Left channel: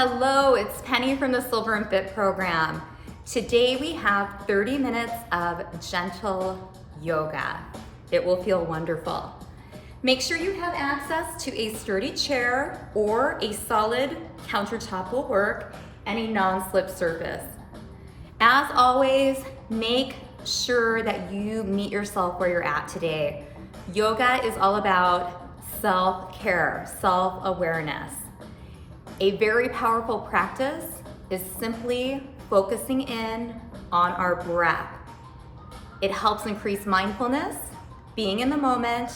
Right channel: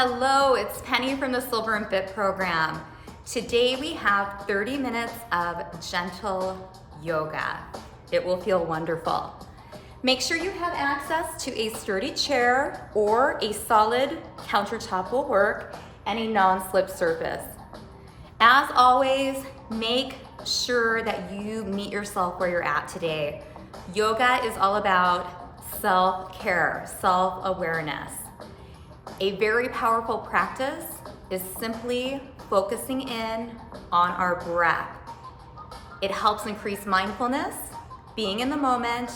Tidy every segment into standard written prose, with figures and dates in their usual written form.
Hello, it's Penny from the Silver&Fit program. Today we have 30 minutes of gentle yoga. It will feel wonderful. Make sure you have access to a sturdy chair or a solid countertop will work, and a non-slip surface. As always, make sure that you meet yourself where you're at today. Yoga is all about self-care, self-awareness. A very powerful practice is simply focusing in on our breath. It helps increase mindfulness, being in the moment,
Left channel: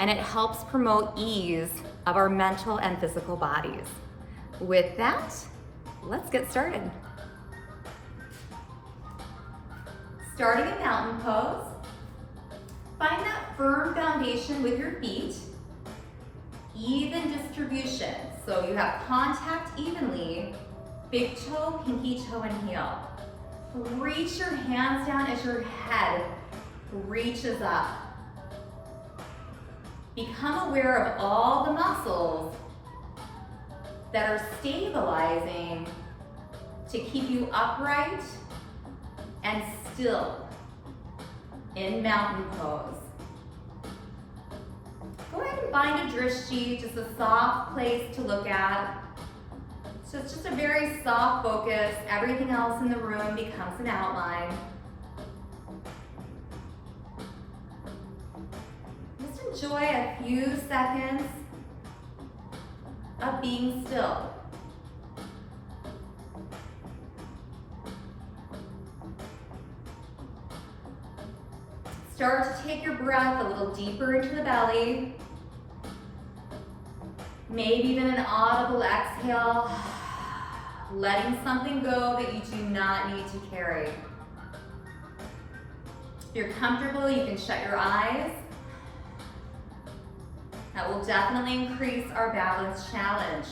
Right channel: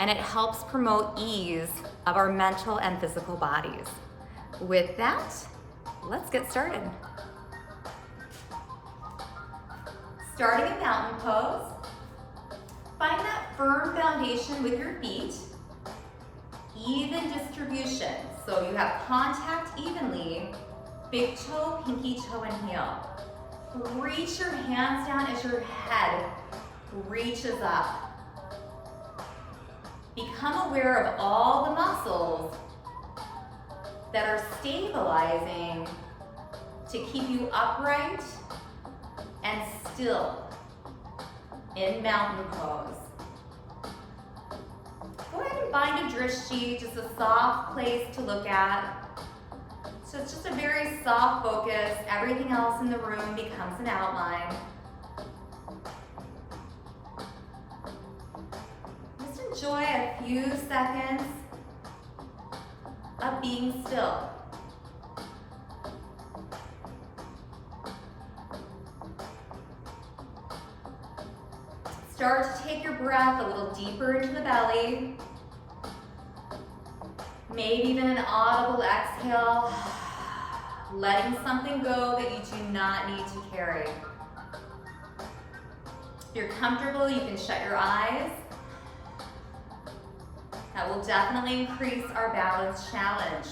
and it helps promote ease of our mental and physical bodies. With that, let's get started. Starting in mountain pose, find that firm foundation with your feet, even distribution. So you have contact evenly, big toe, pinky toe, and heel. Reach your hands down as your head reaches up. Become aware of all the muscles that are stabilizing to keep you upright and still in mountain pose. Go ahead and find a drishti, just a soft place to look at. So it's just a very soft focus. Everything else in the room becomes an outline. Just enjoy a few seconds of being still. Start to take your breath a little deeper into the belly. Maybe even an audible exhale, letting something go that you do not need to carry. If you're comfortable, you can shut your eyes. That will definitely increase our balance challenge.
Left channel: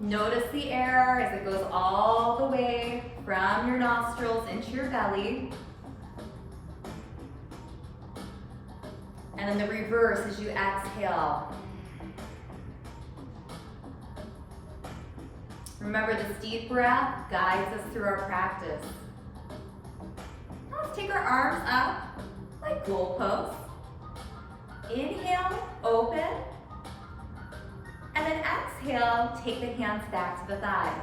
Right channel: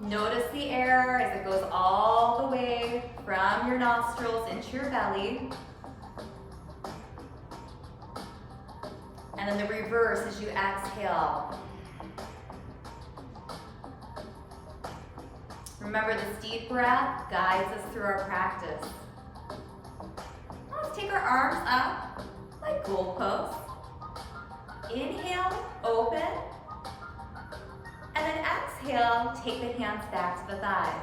Notice the air as it goes all the way from your nostrils into your belly. And then the reverse as you exhale. Remember, this deep breath guides us through our practice. Now let's take our arms up like goalposts. Inhale, open. And then exhale, take the hands back to the thighs.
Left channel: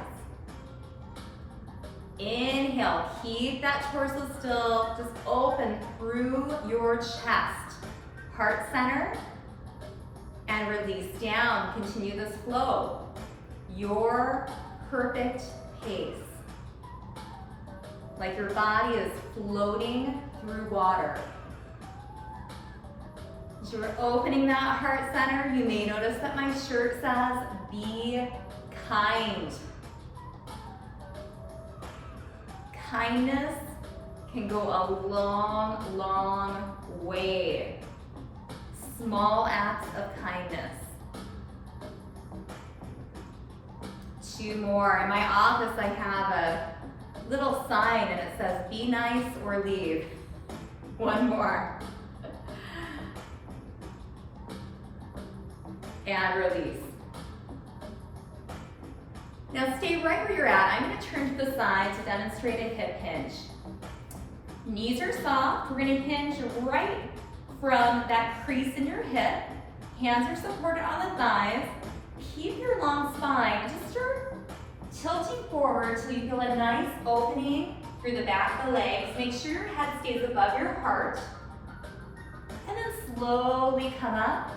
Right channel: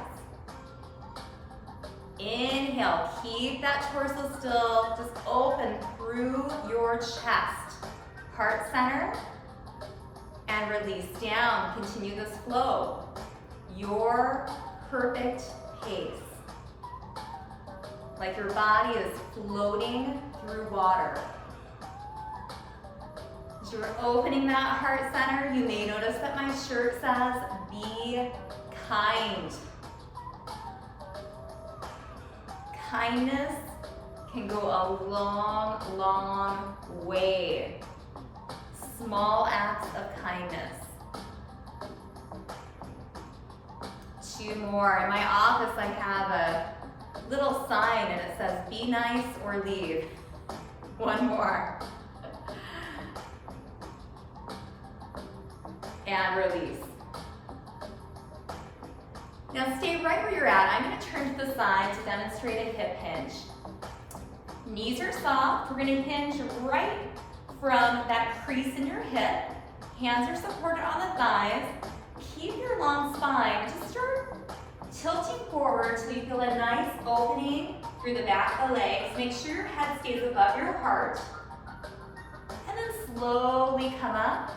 Inhale, keep that torso still, just open through your chest, heart center, and release down. Continue this flow, your perfect pace. Like your body is floating through water. As you're opening that heart center, you may notice that my shirt says, be kind. Kindness can go a long, long way. Small acts of kindness. 2 more. In my office, I have a little sign and it says, be nice or leave. 1 more. And release. Now stay right where you're at. I'm going to turn to the side to demonstrate a hip hinge. Knees are soft. We're going to hinge right from that crease in your hip. Hands are supported on the thighs. Keep your long spine. Just start tilting forward so you feel a nice opening through the back of the legs. Make sure your head stays above your heart. And then slowly come up.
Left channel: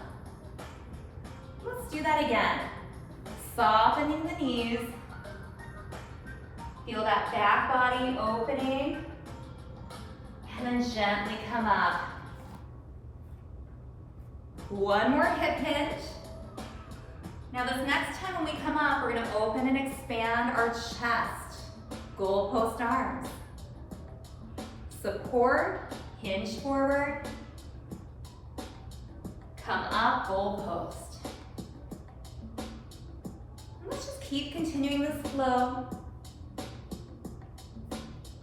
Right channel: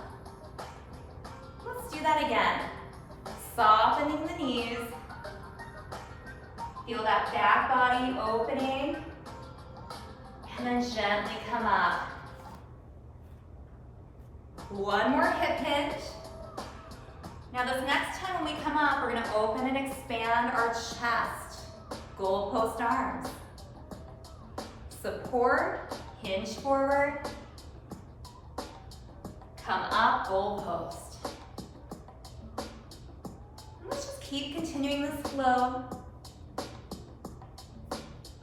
Let's do that again. Softening the knees. Feel that back body opening. And then gently come up. 1 more hip hinge. Now this next time when we come up, we're going to open and expand our chest. Goalpost arms. Support, hinge forward. Come up, goalpost. Let's just keep continuing this flow.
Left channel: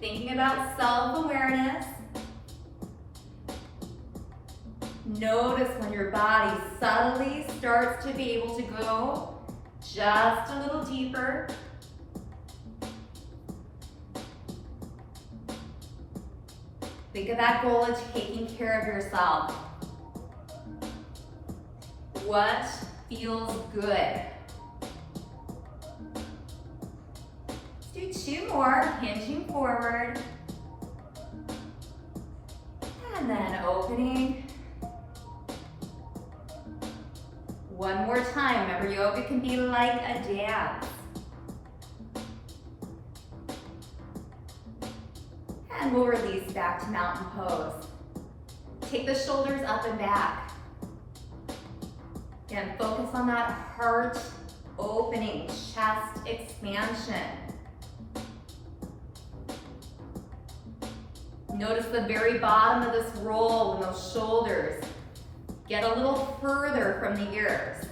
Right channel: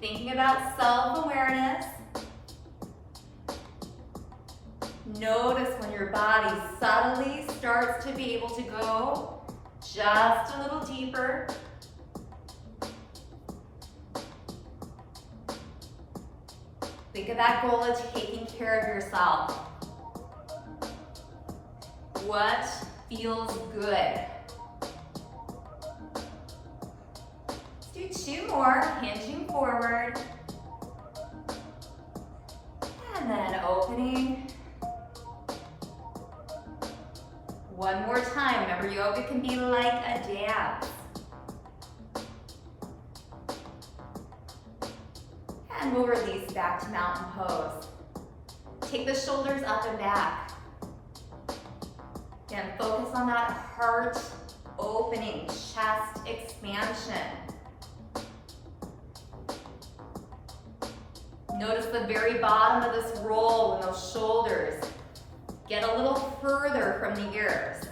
Thinking about self-awareness. Notice when your body subtly starts to be able to go just a little deeper. Think of that goal of taking care of yourself. What feels good? Let's do 2 more, hinging forward. And then opening. One more time. Remember, yoga can be like a dance. And we'll release back to mountain pose. Take the shoulders up and back. Again, focus on that heart opening, chest expansion. Notice the very bottom of this roll when those shoulders get a little further from the ears.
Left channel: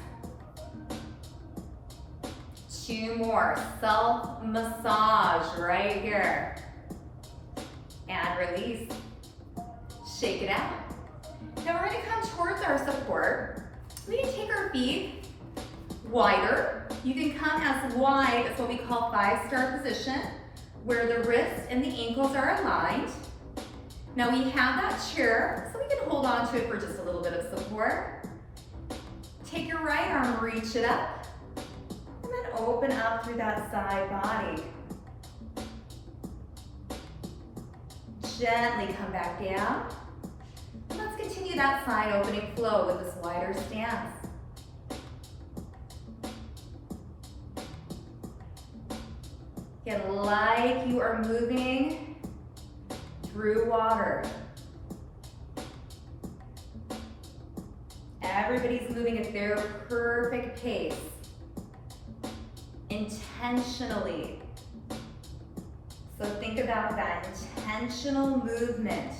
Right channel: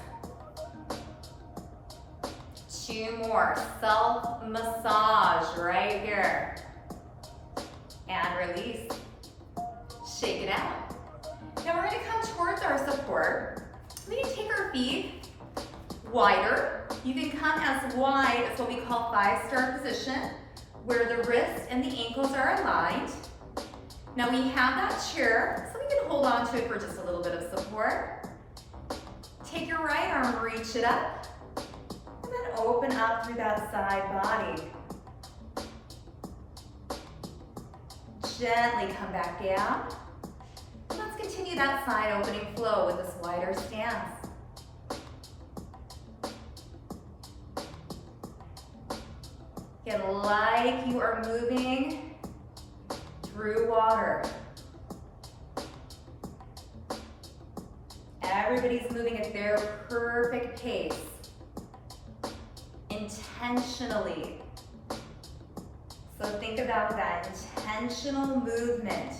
2 more, self-massage right here. And release. Shake it out. Now we're gonna come towards our support. We can take our feet wider. You can come as wide as what we call 5-star position, where the wrists and the ankles are aligned. Now we have that chair, so we can hold on to it for just a little bit of support. Take your right arm, reach it up, and then open up through that side body. Gently come back down. And let's continue that side opening flow with this wider stance. Again, like you are moving through water. Everybody's moving at their perfect pace, intentionally. So think about that intentional movement.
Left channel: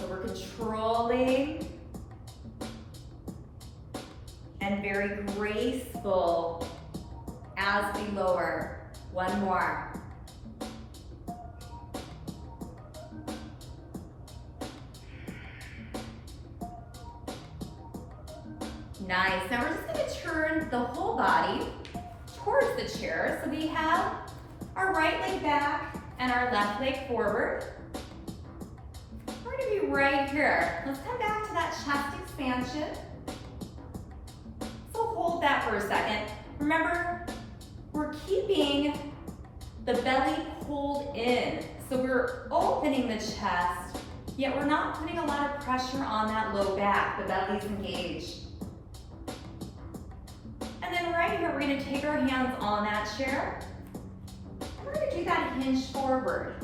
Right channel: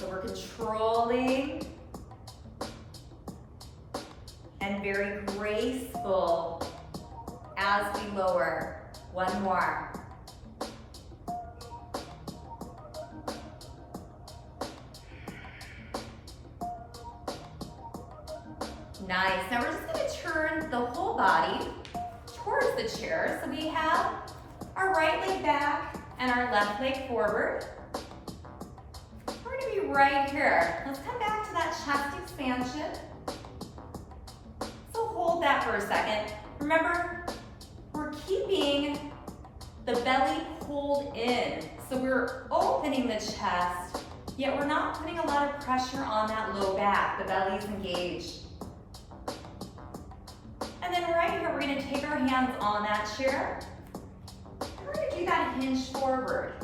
So we're controlling and very graceful as we lower. 1 more. Nice. Now we're just going to turn the whole body towards the chair. So we have our right leg back and our left leg forward. We're going to be right here. Let's come back to that chest expansion. So hold that for a second. Remember, we're keeping the belly pulled in. So we're opening the chest, yet we're not putting a lot of pressure on that low back. The belly's engaged. And then right here, we're gonna take our hands on that chair. And we're gonna do that hinge forward.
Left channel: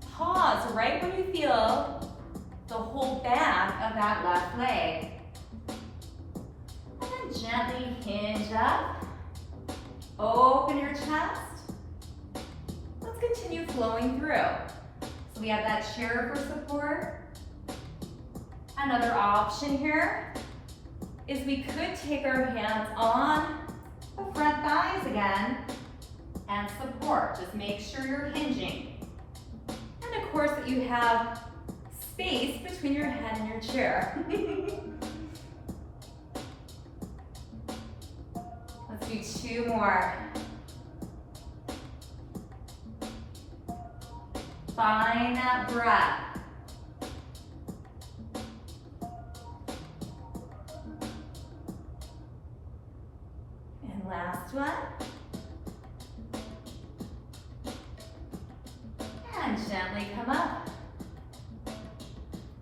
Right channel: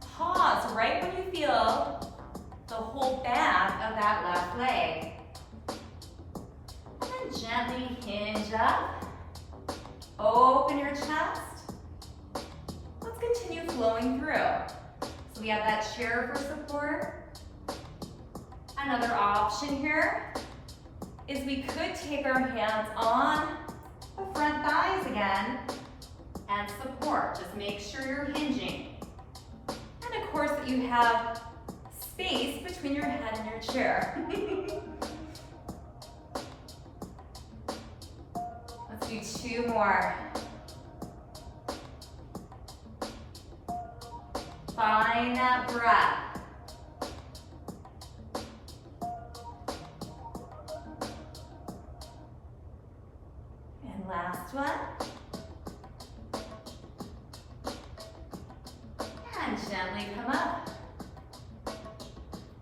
Pause right when you feel the whole back of that left leg. And then gently hinge up. Open your chest. Let's continue flowing through. So we have that chair for support. Another option here is we could take our hands on the front thighs again and support. Just make sure you're hinging. And of course that you have space between your head and your chair. Let's do 2 more. Find that breath. And last one. And gently come up.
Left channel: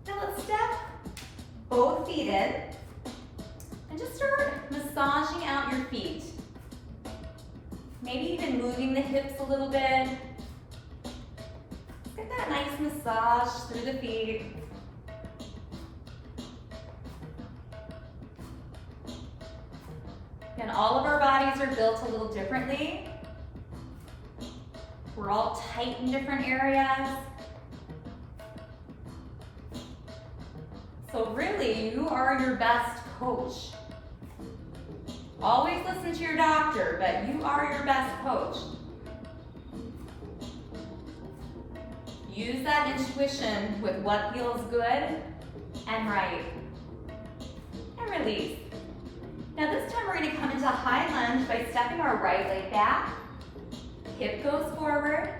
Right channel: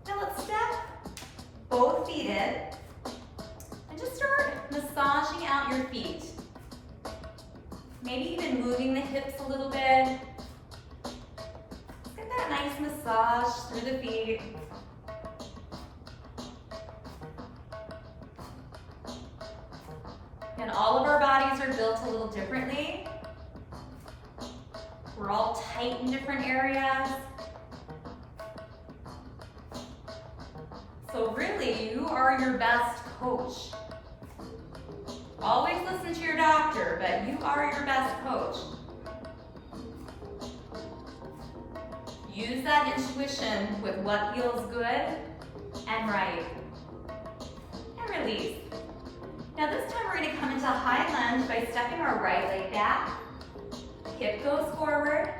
Now let's step both feet in and just start massaging out your feet. Maybe even moving the hips a little bit. Get that nice massage through the feet. And all of our bodies are built a little differently. We're all tight in different areas. So really, you are your best coach. Always listen to your doctor, but you are your best coach. Use that intuition with what feels good and right. And release. Now this time we're going to come into high lunge by stepping our right leg back. Hip goes forward.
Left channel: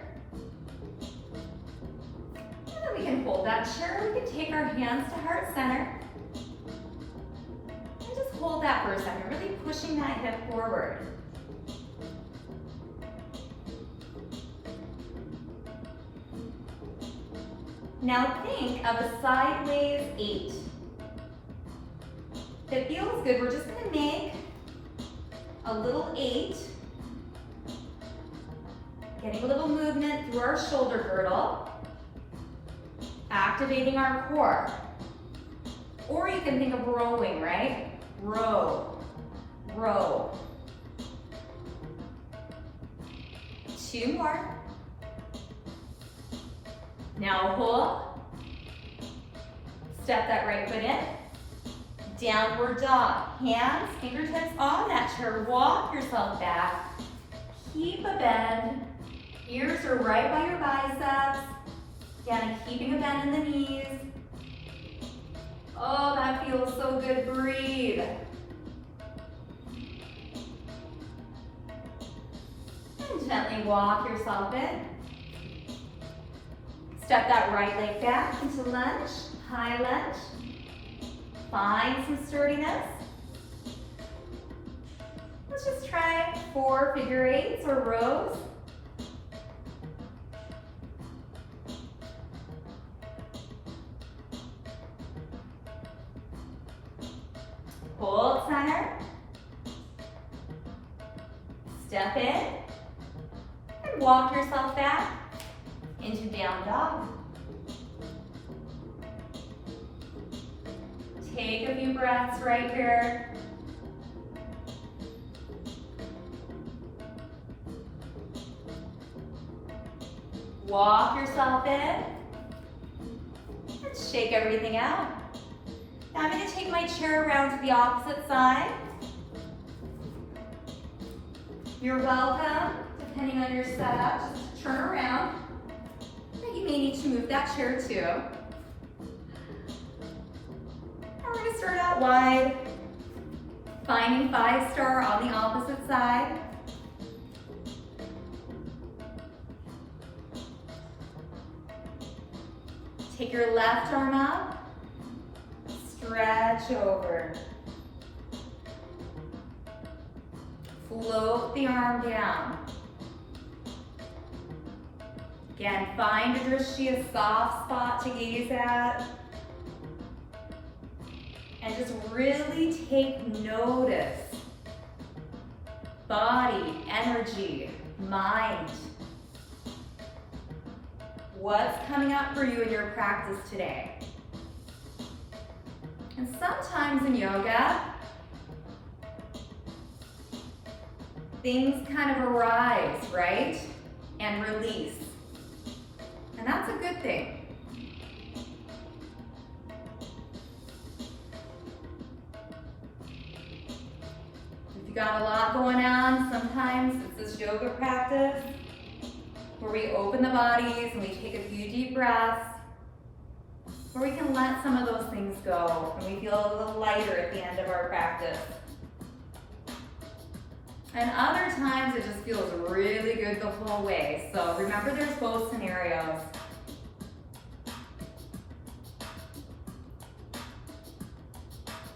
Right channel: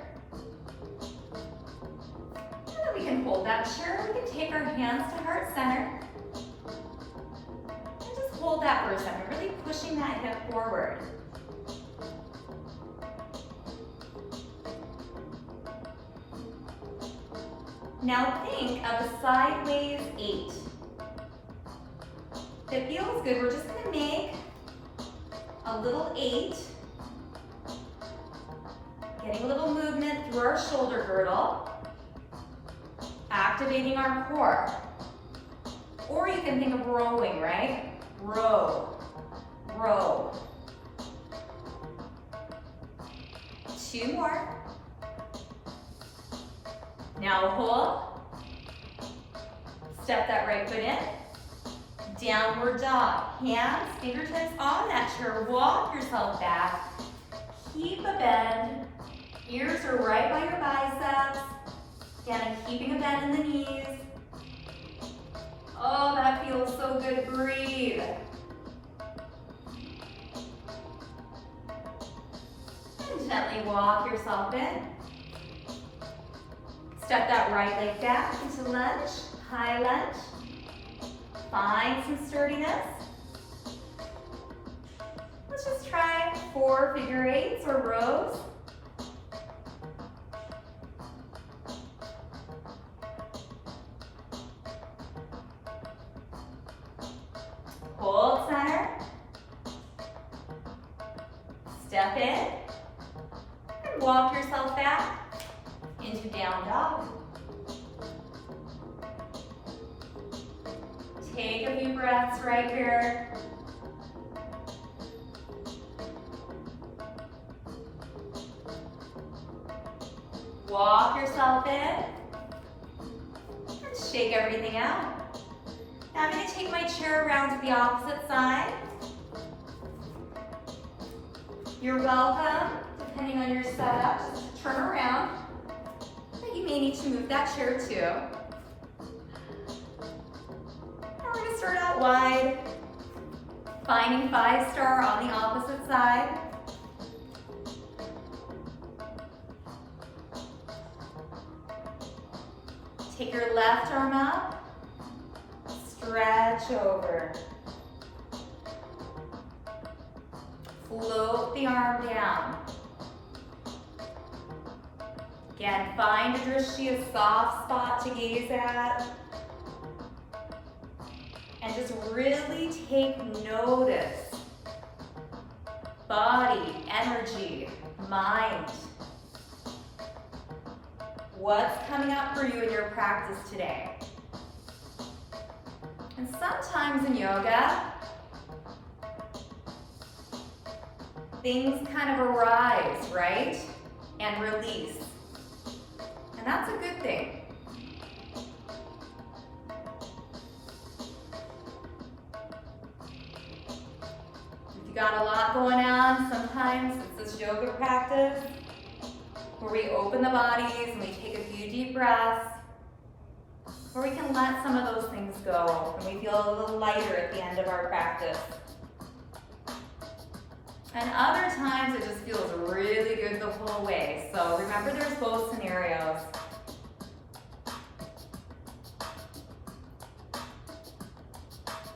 And then we can hold that chair. We can take our hands to heart center. And just hold that for a second, really pushing that hip forward. Now think of a sideways 8. If it feels good, we're just going to make a little 8. Getting a little movement through our shoulder girdle. Activating our core. Or you can think of rowing, right? Row, row. 2 more. Now hold. Step that right foot in. Downward dog. Hands, fingertips on that chair. Walk yourself back. Keep a bend. Ears are right by your biceps. Down and keeping a bend in the knees. Oh, that feels so good. Breathe. And gently walk yourself in. Step that right leg back into lunge, high lunge. Find some sturdiness. Let's just try 4 figure 8s or rows. Hold center. Step in and walk yourself back into down dog. Take a few breaths right here. Walk yourself in and shake everything out. Now I'm going to take my chair around to the opposite side. You're welcome, depending on your setup, just turn around. You may need to move that chair too. Now we're going to start out wide, finding 5-star on the opposite side. Take your left arm up, stretch over. Float the arm down. Again, find a drishti, a soft spot to gaze at. And just really take notice. Body, energy, mind. What's coming up for you in your practice today? And sometimes in yoga, things kind of arise, right? And release. And that's a good thing. If you got a lot going on, sometimes it's this yoga practice where we open the bodies and we take a few deep breaths, where we can let some of those things go and we feel a little lighter at the end of our practice. And other times it just feels really good the whole way. So remember, there's both scenarios.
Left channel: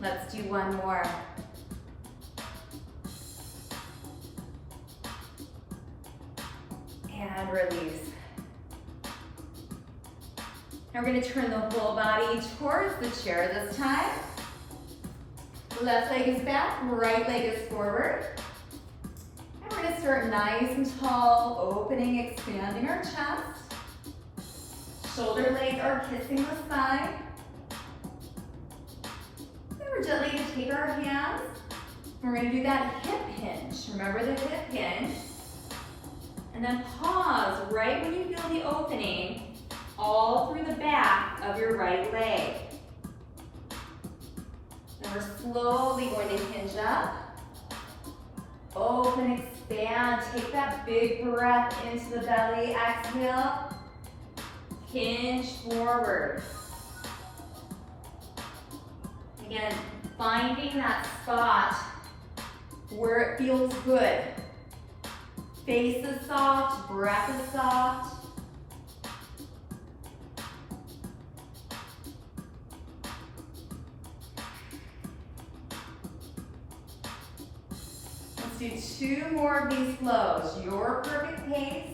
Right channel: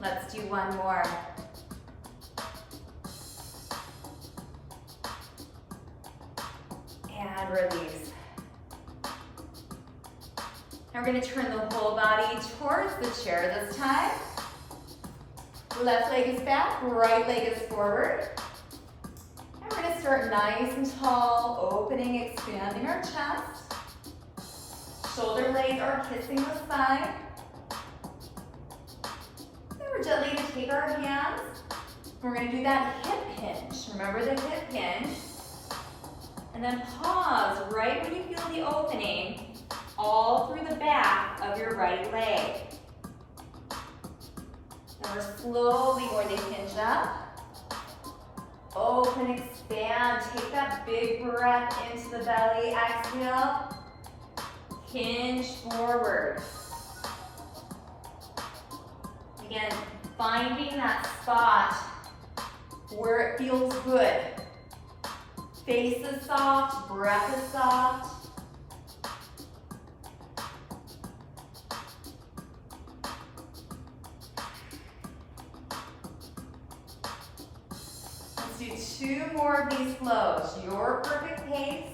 Let's do one more. And release. Now we're going to turn the whole body towards the chair this time. Left leg is back, right leg is forward. And we're going to start nice and tall, opening, expanding our chest. Shoulder blades are kissing the side. Then we're gently going to take our hands. We're going to do that hip hinge. Remember the hip hinge. And then pause right when you feel the opening, all through the back of your right leg. And we're slowly going to hinge up. Open, expand, take that big breath into the belly, exhale. Hinge forward. Again, finding that spot where it feels good. Face is soft, breath is soft. Let's do 2 more of these flows, your perfect pace.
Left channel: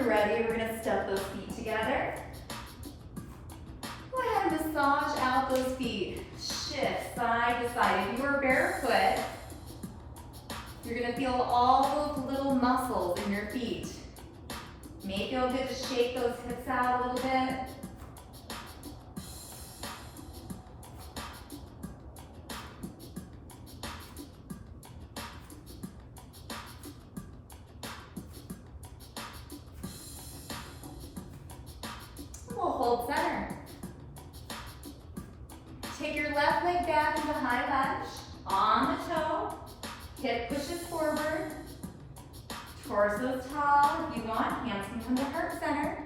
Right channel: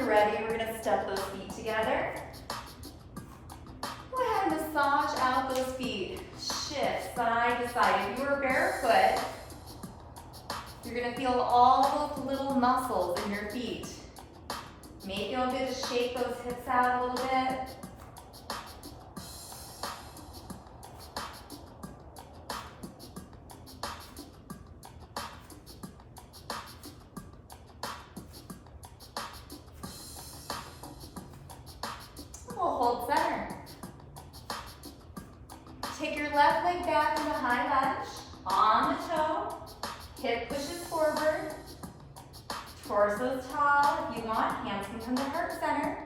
Ready, we're going to step those feet together. Go ahead and massage out those feet. Shift side to side. If you are barefoot, you're going to feel all those little muscles in your feet. May feel good to shake those hips out a little bit. We'll hold center. Take your left leg back into high lunge, on the toe, hip pushes forward, torso's tall. If you want, hands can come to heart center.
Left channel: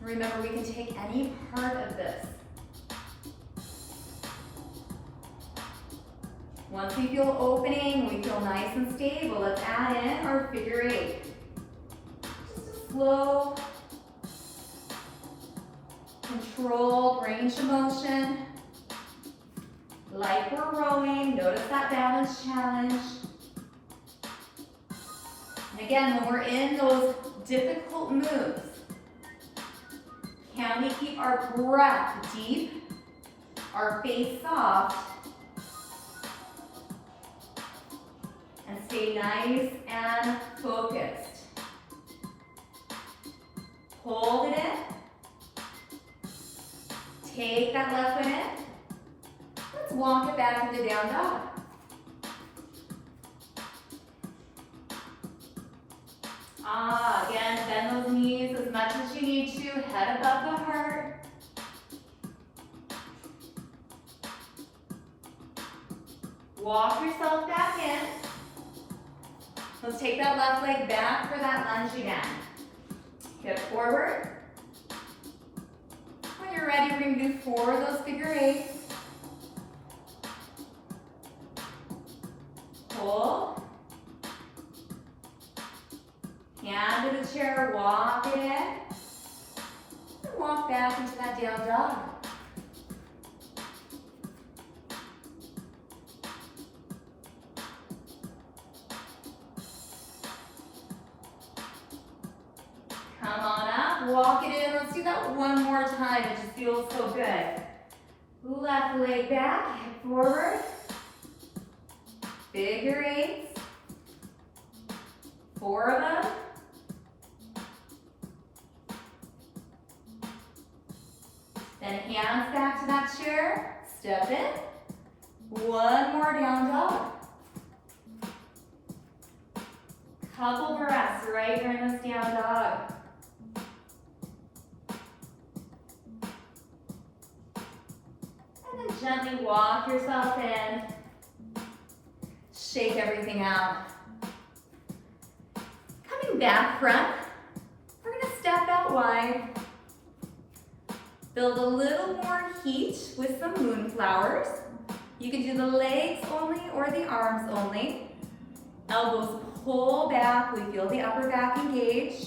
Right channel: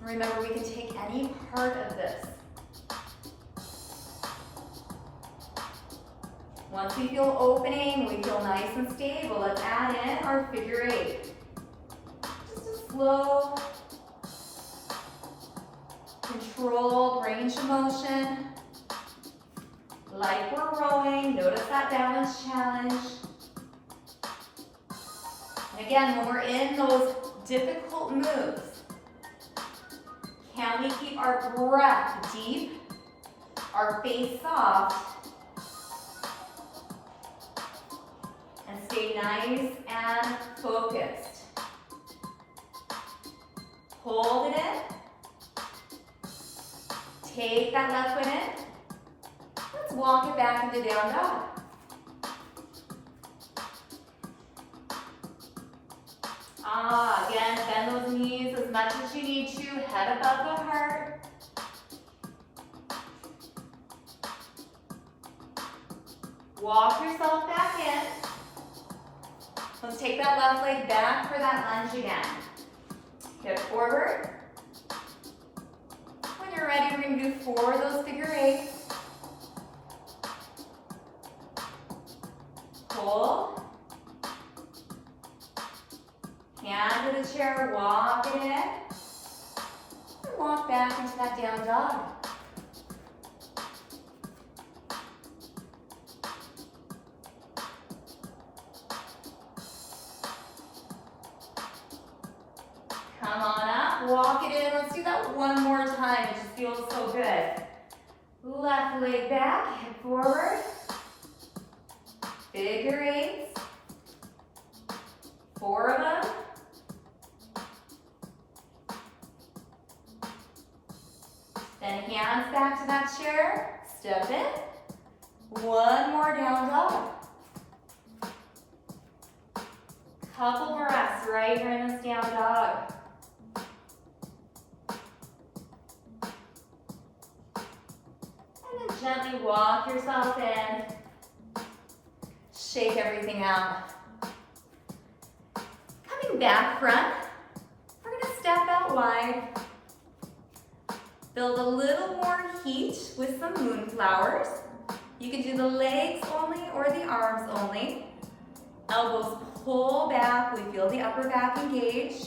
Remember, we can take any part of this. Once we feel opening, we feel nice and stable, let's add in our figure 8. Just a slow, controlled range of motion. Like we're rowing, notice that balance challenge. And again, when we're in those difficult moves, can we keep our breath deep, our face soft, and stay nice and focused? Hold it in. Take that left foot in. Let's walk it back into down dog. Again, bend those knees as much as you need to, head above the heart. Walk yourself back in. Let's take that left leg back for that lunge again. Hip forward. When you're ready, we're going to do 4 of those figure 8s. Hold. Hand to the chair, walk it in. And walk back into that down dog. Come on up, walk it in. Let's do that one more time. It just feels so good. Left leg back, hip forward. Figure 8s. 4 of them. Then hands back to that chair. Step in. One more down dog. Couple breaths right here in this down dog. And then gently walk yourself in. Shake everything out. Coming back front, we're going to step out wide. Build a little more heat with some moonflowers. You can do the legs only or the arms only. Elbows pull back. We feel the upper back engage.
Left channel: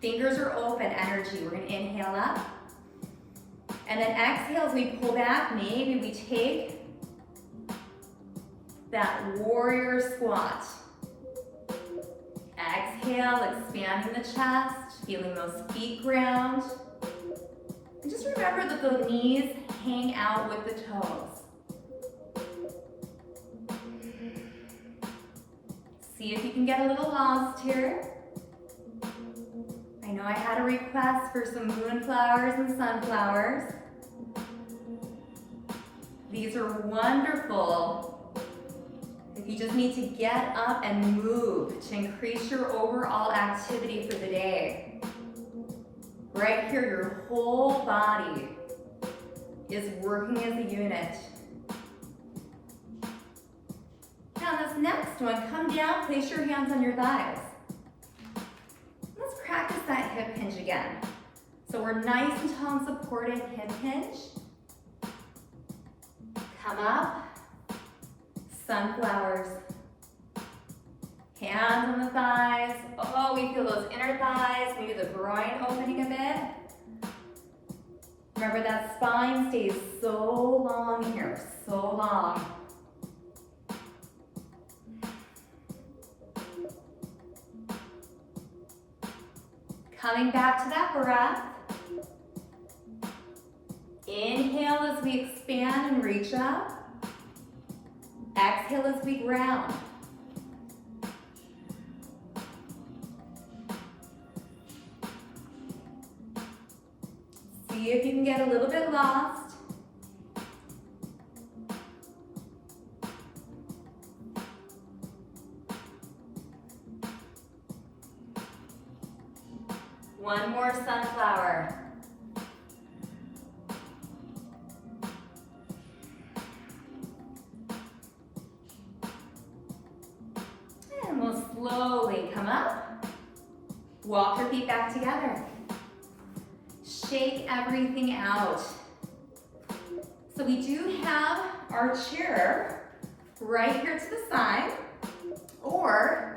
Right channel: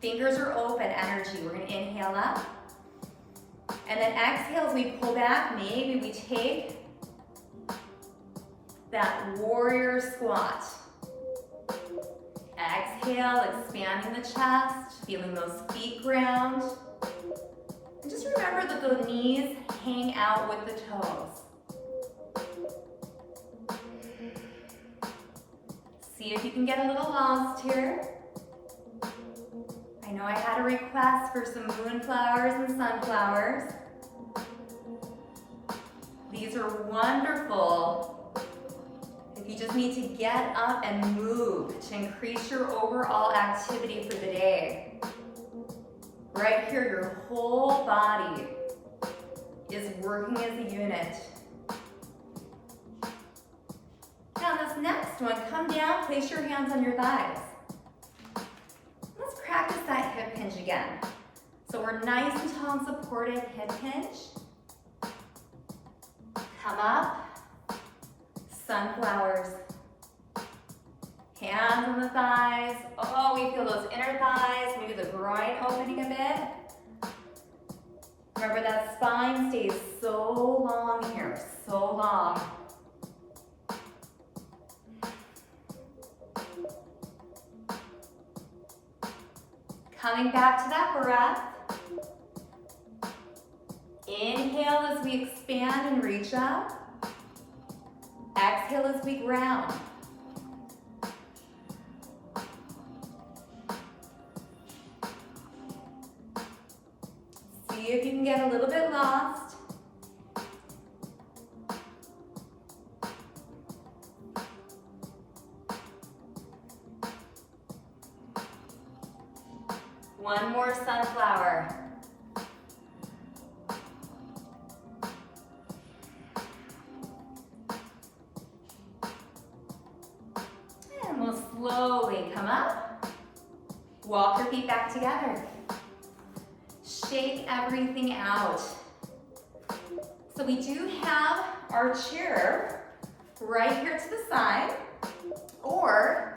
Fingers are open, energy. We're going to inhale up. And then exhale as we pull back. Maybe we take that warrior squat. Exhale, expanding the chest, feeling those feet ground. And just remember that the knees hang out with the toes. See if you can get a little lost here. I know I had a request for some moonflowers and sunflowers. These are wonderful if If you just need to get up and move to increase your overall activity for the day, right here, your whole body is working as a unit. Now this next one, come down, place your hands on your thighs. Let's practice that hip hinge again. So we're nice and tall and supported, hip hinge. Come up, sunflowers. Hands on the thighs. Oh, we feel those inner thighs, maybe the groin opening a bit. Remember that spine stays so long here, so long. Coming back to that breath. Inhale as we expand and reach up. Exhale as we ground. See if you can get a little bit lost. One more sunflower. And we'll slowly come up. Walk your feet back together. Shake everything out. So we do have our chair right here to the side, or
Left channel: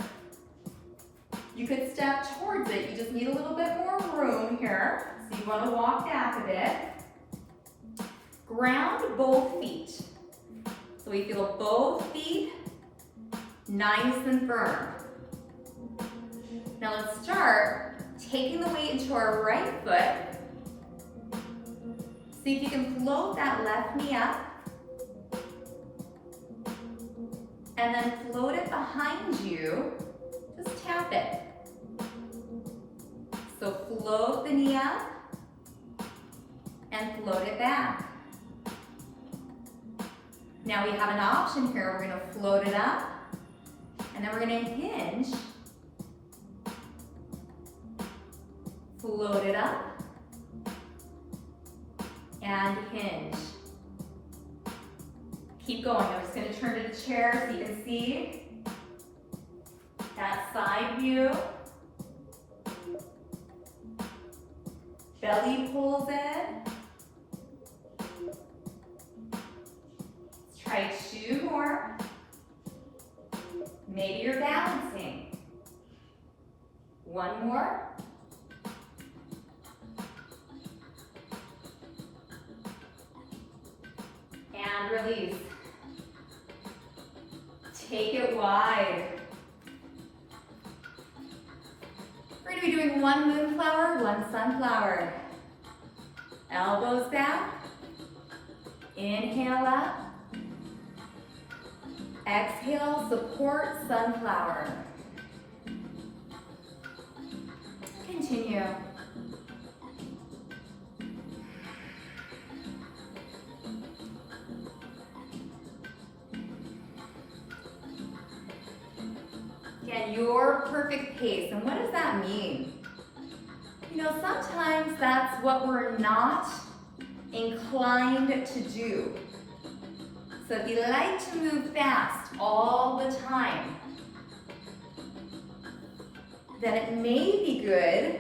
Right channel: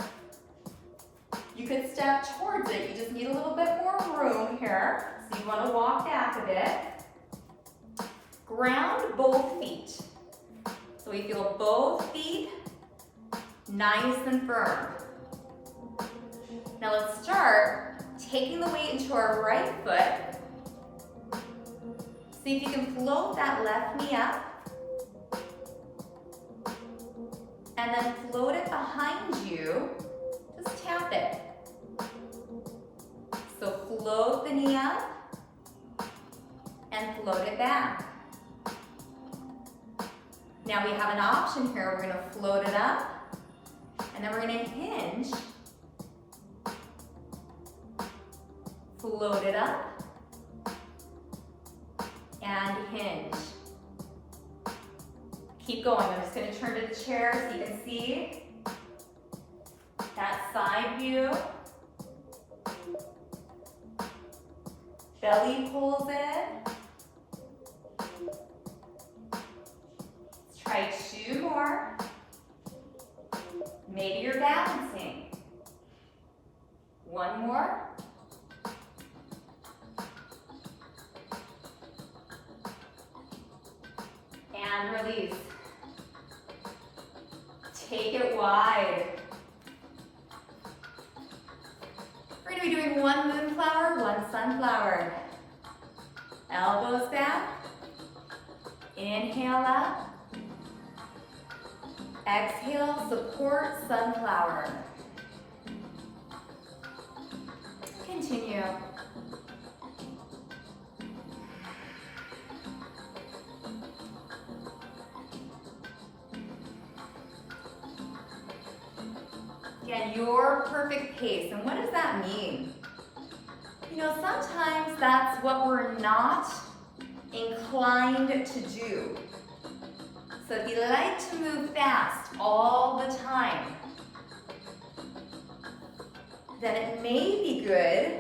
you could step towards it. You just need a little bit more room here. So you want to walk back a bit. Ground both feet. So we feel both feet nice and firm. Now let's start taking the weight into our right foot. See if you can float that left knee up. And then float it behind you. Just tap it. So float the knee up and float it back. Now we have an option here. We're going to float it up and then we're going to hinge. Float it up and hinge. Keep going. I'm just going to turn to the chair so you can see that side view. Belly pulls in. Let's try 2 more. Maybe you're balancing. 1 more. And release. Take it wide. We're going to be doing 1 moonflower, 1 sunflower. Elbows back. Inhale up. Exhale, support sunflower. Continue. Again, your perfect pace. And what does that mean? You know, sometimes that's what we're not inclined to do. So if you like to move fast all the time, then it may be good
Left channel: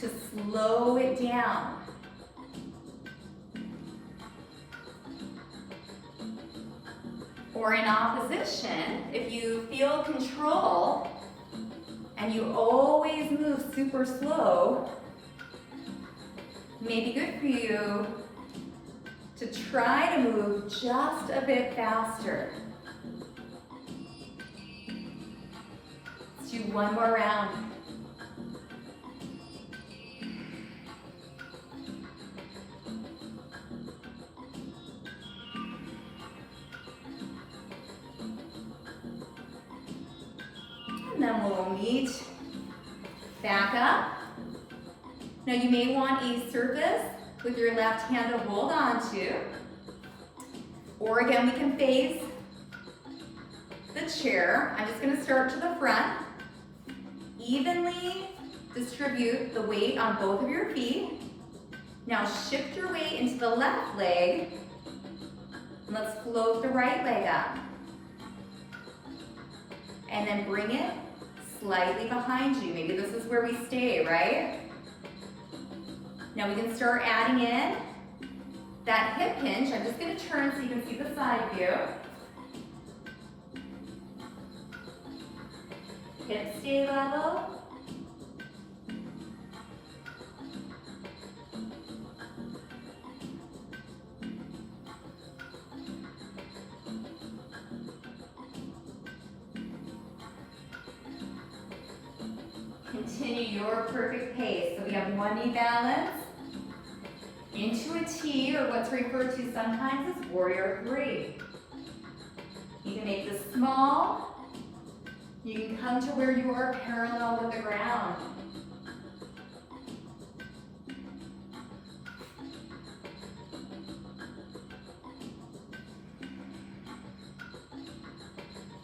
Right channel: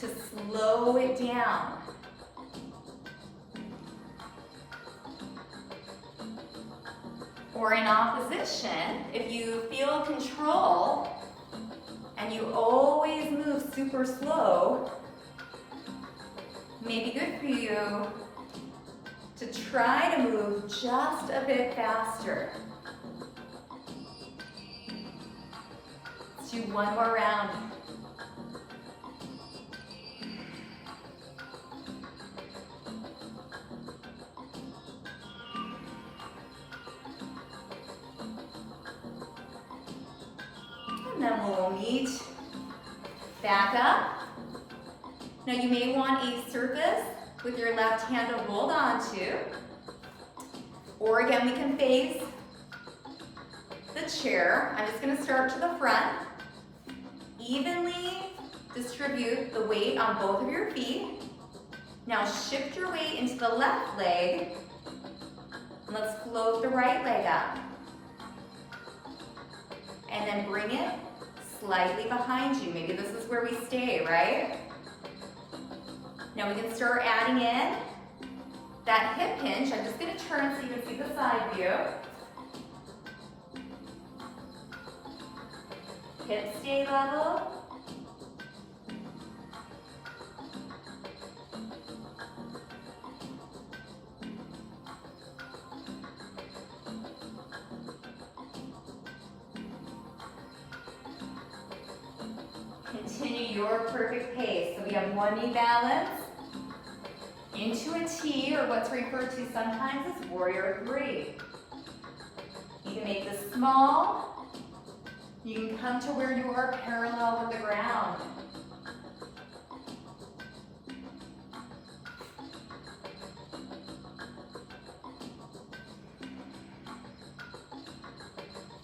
to slow it down. Or in opposition, if you feel control and you always move super slow, it may be good for you to try to move just a bit faster. Let's do 1 more round. And then we'll meet back up. Now you may want a surface with your left hand to hold on to. Or again, we can face the chair. I'm just gonna start to the front. Evenly distribute the weight on both of your feet. Now shift your weight into the left leg. And let's float the right leg up. And then bring it slightly behind you. Maybe this is where we stay, right? Now we can start adding in that hip hinge. I'm just gonna turn so you can see the side view. Hips stay level. Continue your perfect pace. So we have one knee balance into a T, or what's referred to sometimes as warrior three. You can make this small. You can come to where you are parallel with the ground.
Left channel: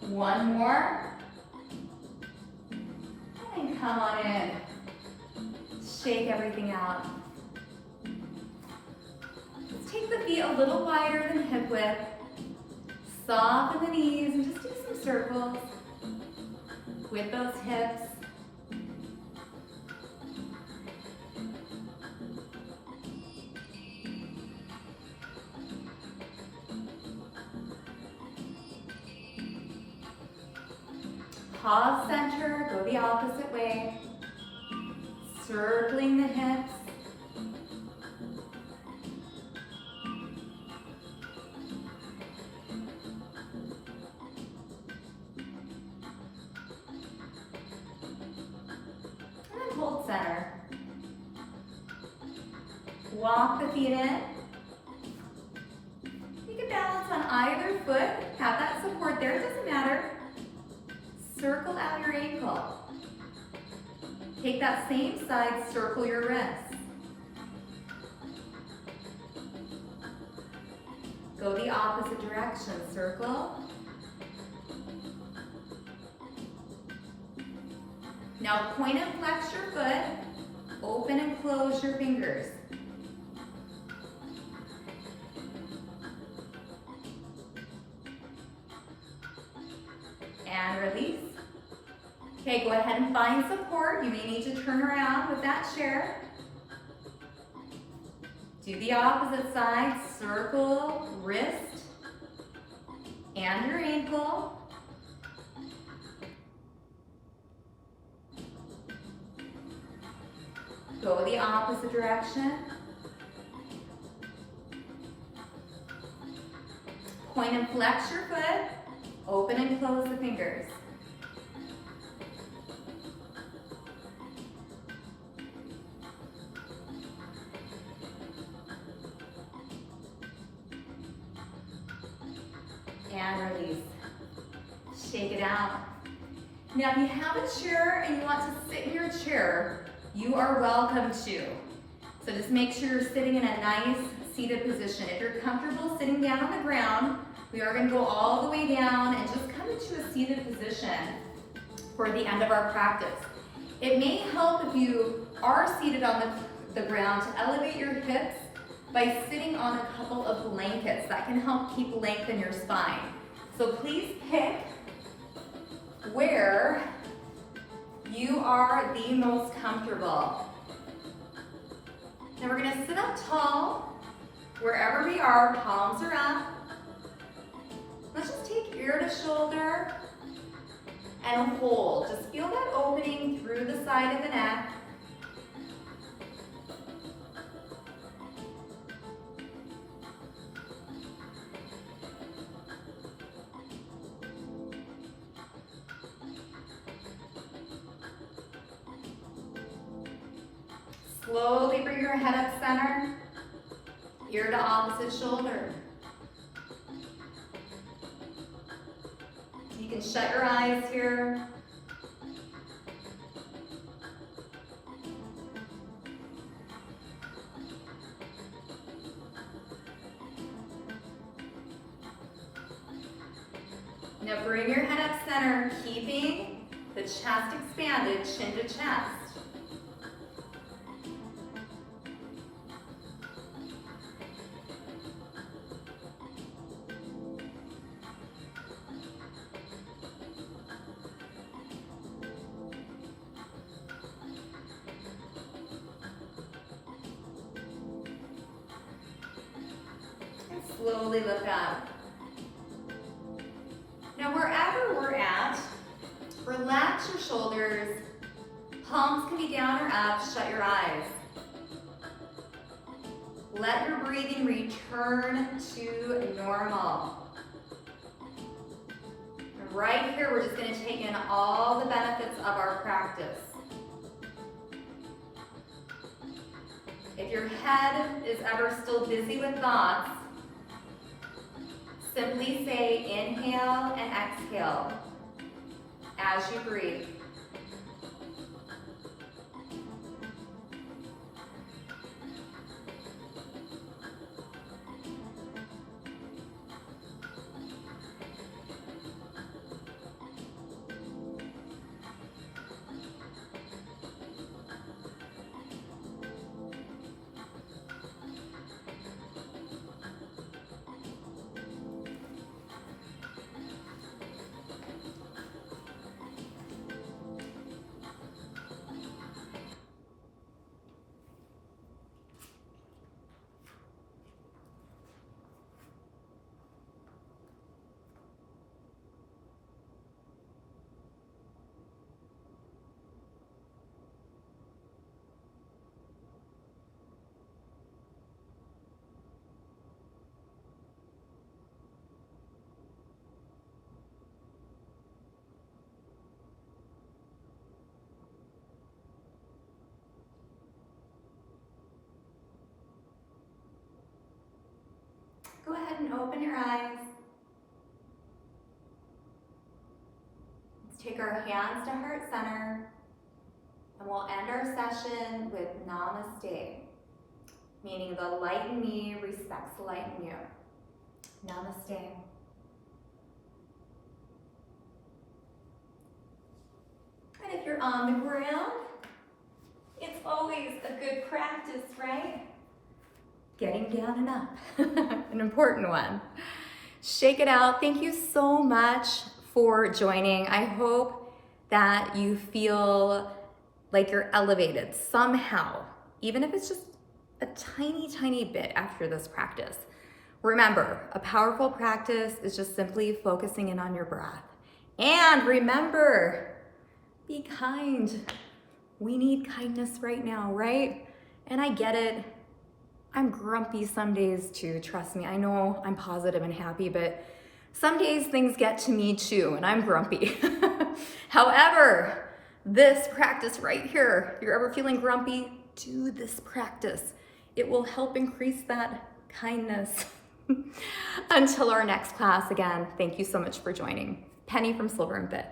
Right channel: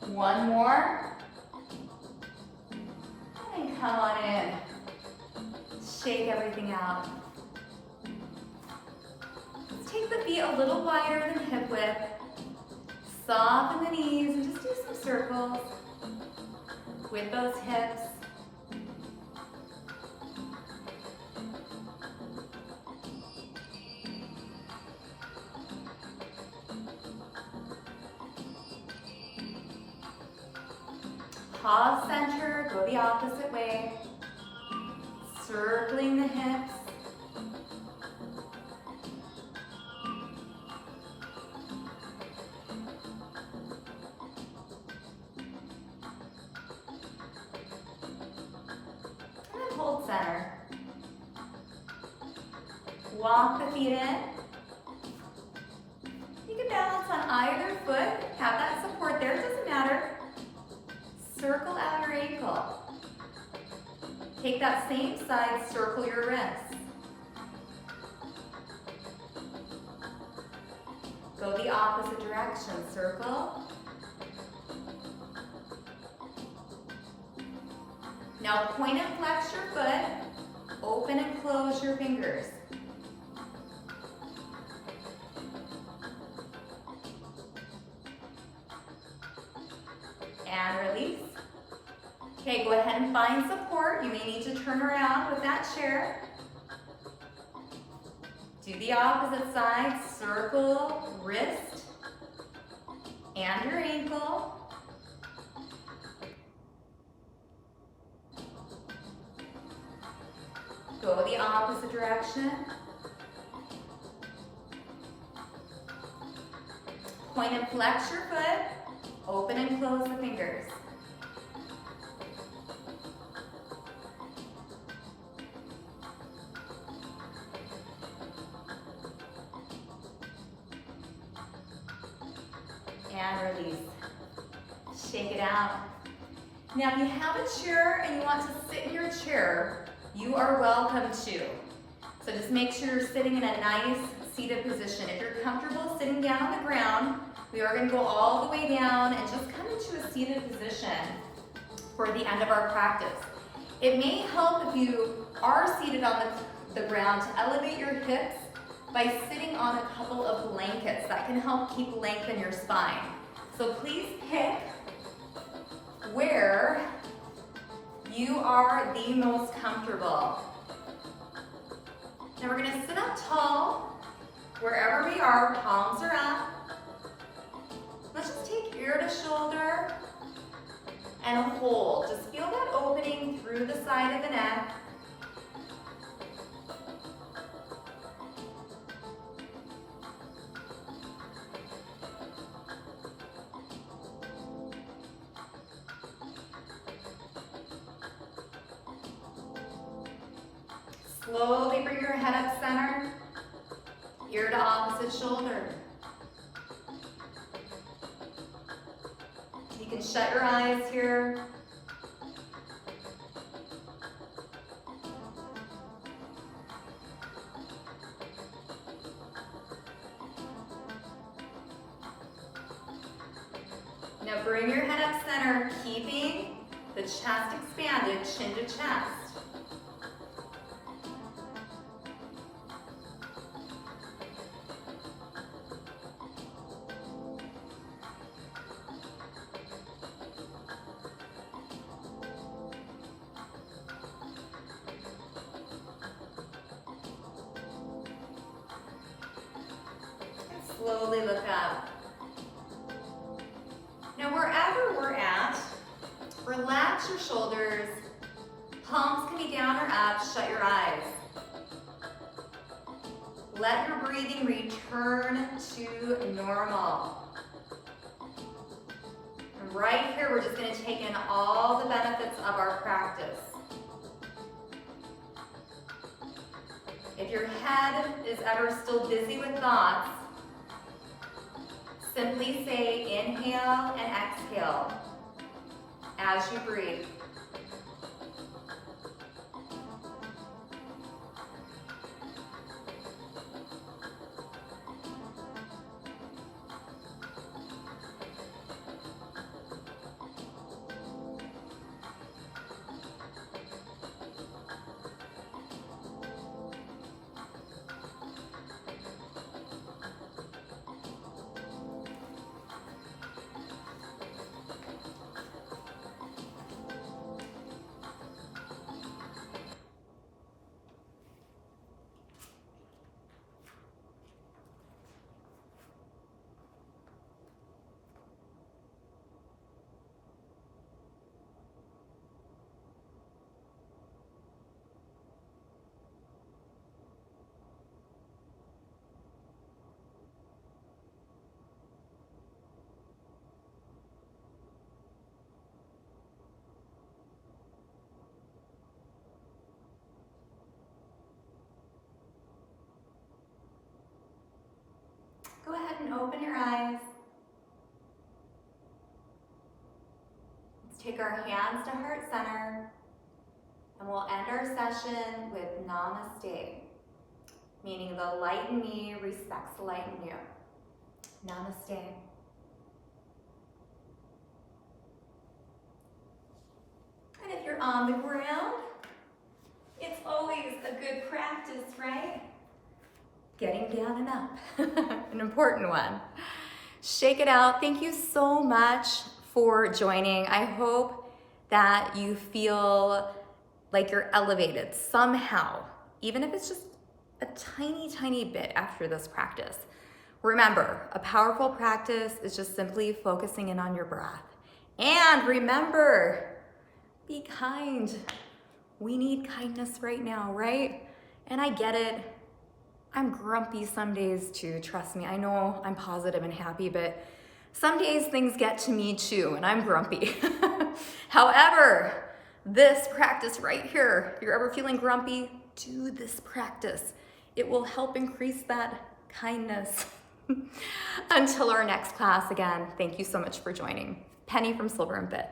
One more. And come on in. Shake everything out. Let's take the feet a little wider than hip width. Soften the knees and just do some circles with those hips. Pause center, go the opposite way. Circling the hips. And then hold center. Walk the feet in. You can balance on either foot. Have that support there, it doesn't matter. Circle out your ankle. Take that same side, circle your wrist. Go the opposite direction, circle. Now point and flex your foot, open and close your fingers. And release. Okay, go ahead and find support. You may need to turn around with that chair. Do the opposite side, circle, wrist, and your ankle. Go the opposite direction. Point and flex your foot, open and close the fingers. And release. Shake it out. Now if you have a chair and you want to sit in your chair, you are welcome to. So just make sure you're sitting in a nice seated position. If you're comfortable sitting down on the ground, we are going to go all the way down and just come into a seated position for the end of our practice. It may help if you are seated on the ground to elevate your hips by sitting on a couple of blankets. That can help keep length in your spine. So please pick where you are the most comfortable. Now we're gonna sit up tall, wherever we are, palms are up. Let's just take ear to shoulder and hold. Just feel that opening through the side of the neck. Slowly bring your head up center, ear to opposite shoulder. You can shut your eyes here. Now Now bring your head up center, keeping the chest expanded, chin to chest. Slowly look up. Now wherever we're at, relax your shoulders. Palms can be down or up. Shut your eyes. Let your breathing return to normal. And right here, we're just going to take in all the benefits of our practice. If your head is ever still busy with thoughts, simply say inhale and exhale as you breathe. Go ahead and open your eyes. Let's take our hands to heart center, and we'll end our session with namaste, meaning the light in me respects the light in you. Namaste. And if you're on the ground, it's always a good practice, right? Getting down and up, an important one. Shake it out. Thank you so much for joining. I hope that you feel like you're elevated somehow, even if it's just a tiny, tiny bit after this practice. Remember, a powerful practice is just simply focusing in on your breath. And remember, be kind. We need kindness right now, right? And I get it. I'm grumpy some days too, trust me. I know I'm positive and happy, but some days things get to me too, and I'm grumpy. However, this practice right here, if you're ever feeling grumpy, do this practice. It will help increase that kindness. Until our next class, again, thank you so much for joining. Penny from Silver&Fit.